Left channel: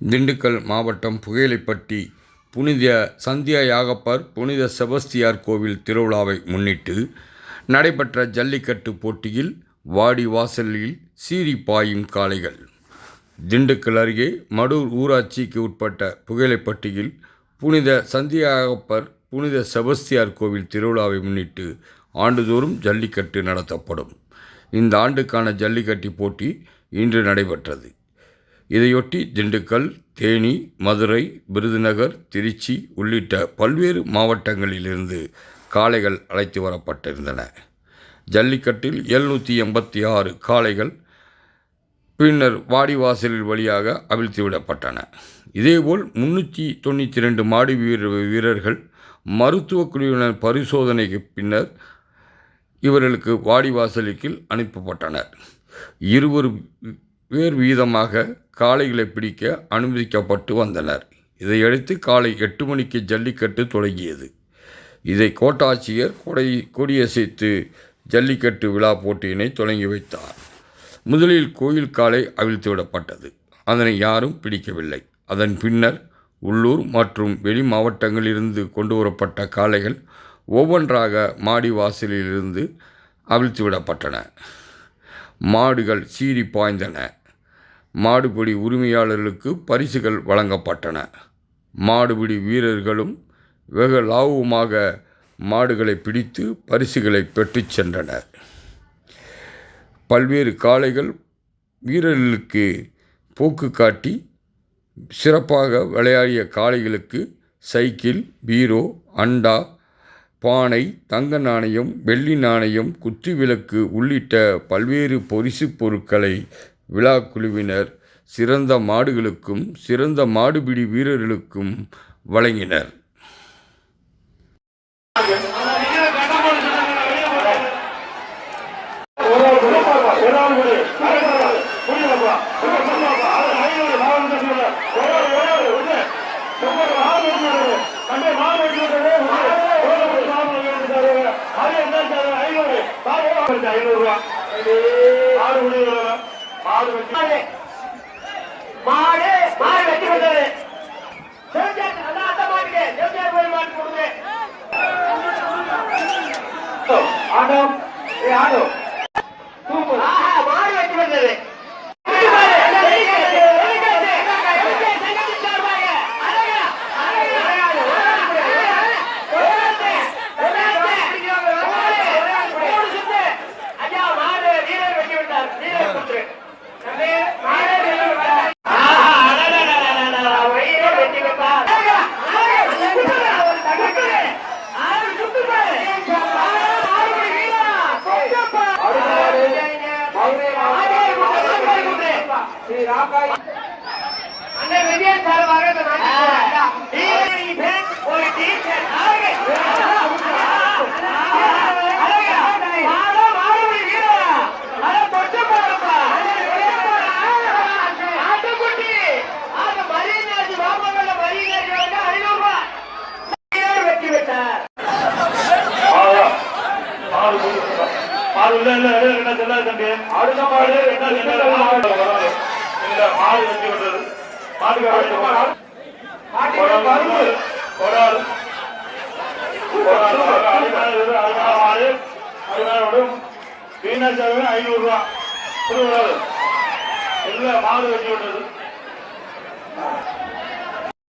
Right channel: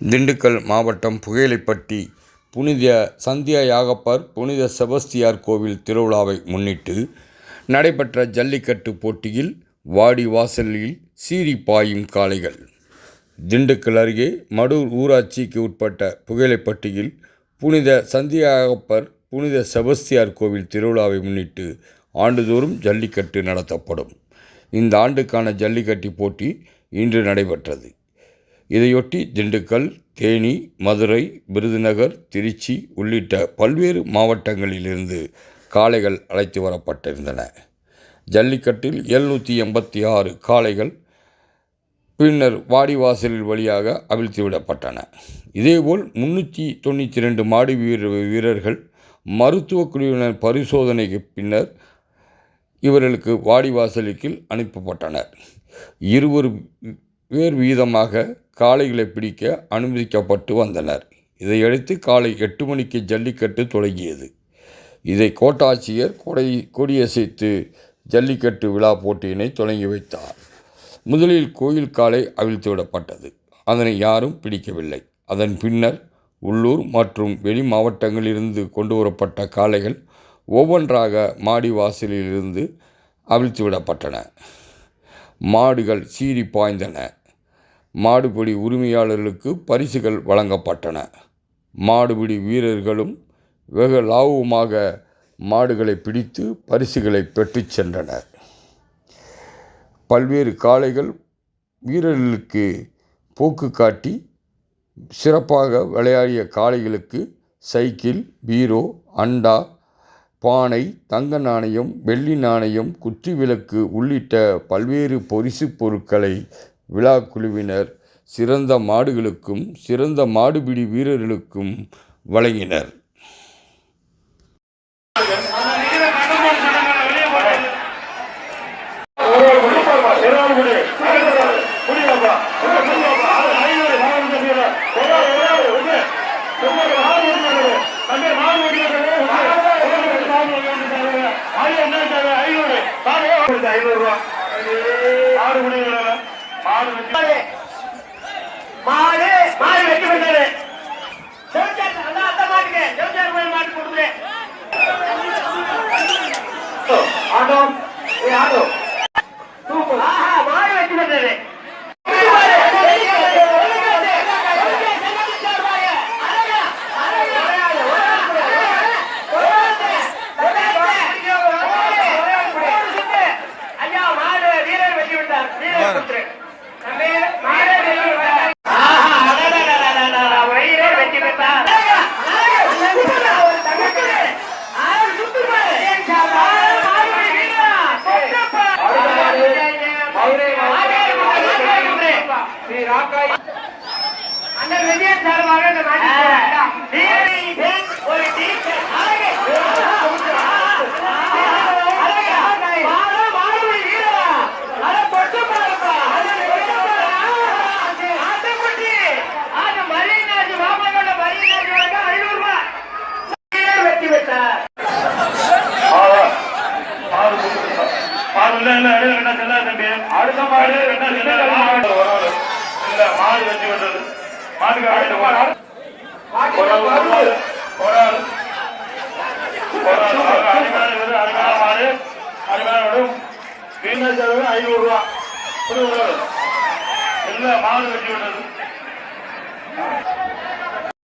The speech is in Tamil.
திண்டுக்கல் மாவட்டம் புகையிலைப்பட்டி புனித சந்தியா யாகப்பர் புனித செபஸ்தியார் கோவில் திருவிழாவை முன்னிட்டு நடைபெற்ற ஜல்லிக்கட்டு போட்டியில் வாடிவாசலில் சீறி பாயும் காளைகள். திண்டுக்கல் அருகே மடூர் ஊராட்சிக்கு உட்பட்ட புகையிலைப்பட்டியில் புனித சந்தியா யாகப்பர் புனித செபஸ்தியார் கோவில் திருவிழாவை முன்னிட்டு ஆண்டுதோறும் ஜல்லிக்கட்டு நடத்தப்படும். இந்த ஆண்டுக்கான ஜல்லிக்கட்டு போட்டி இன்று நடைபெற்றது. இதையொட்டி திண்டுக்கல், தேனி, மதுரை, விருதுநகர், திருச்சி உள்ளிட்ட பல்வேறு மாவட்டங்களிலிருந்து காளைகள் அழைத்து வரப்பட்டிருந்தன. ஜல்லிக்கட்டில் 786 காளைகள் பின்னர் வாடிவாசலில் வழியாக அவிழ்த்து விடப்பட்டன. இதேபோல் 392 மாடு வீரர்கள் மருத்துவ குழுவினர் பரிசோதனைக்கு பின்னர் இவர்களுக்கு வாடிவாசலுக்கு அனுப்பப்பட்டனர். 20 பேர் வீதமாக காளைகளை பிடிக்க அனுமதிக்கப்பட்டு வந்தனர். இதையடுத்து காலை 8 மணிக்கு ஜல்லிக்கட்டு தொடங்கியது. இதை கோட்டாட்சியர் கொடியசைத்து ஜல்லிக்கட்டு விழா போட்டியினை தொடங்கி வைத்தார். முதலில் கோயில் காளை அவிழ்த்து விடப்பட்டது. அதனை யாரும் பிடிக்கவில்லை. அதன் பின்னர் உள்ளூர் மற்றும் வெளி மாவட்டங்களிலிருந்து கொண்டு வரப்பட்ட காளைகள் ஒவ்வொன்றாக மாடி வாசலிலிருந்து அவிழ்த்து விடப்பட்டன. மாடுகள் சீறி பாய்ந்தன. மாடுபிடி உரிமையாளர்களுக்கு பரிசுகள் வழங்கப்பட்டன. மாடுபிடி வீரர்களும் வெகு லாபமாக மாடுகளை பிடித்து பரிசுகளை பெற்றுச் சென்றனர். பல்வேறு காளைகள் வீரர்களுக்கு போக்கு காட்டி சிறப்பாக விளையாடிய காளைகளுக்கு சைக்கிள், பீரோ, அண்டா, பானை, தங்க நாணயம், வெள்ளி நாணயம், குத்துவிளக்கு உள்ளிட்ட பல்வேறு பரிசு பொருட்களை விழா குழுவினர் சிறந்த மாடுகளுக்கும் சிறந்த மாடுபிடி வீரர்களுக்கும் வழங்கினர்.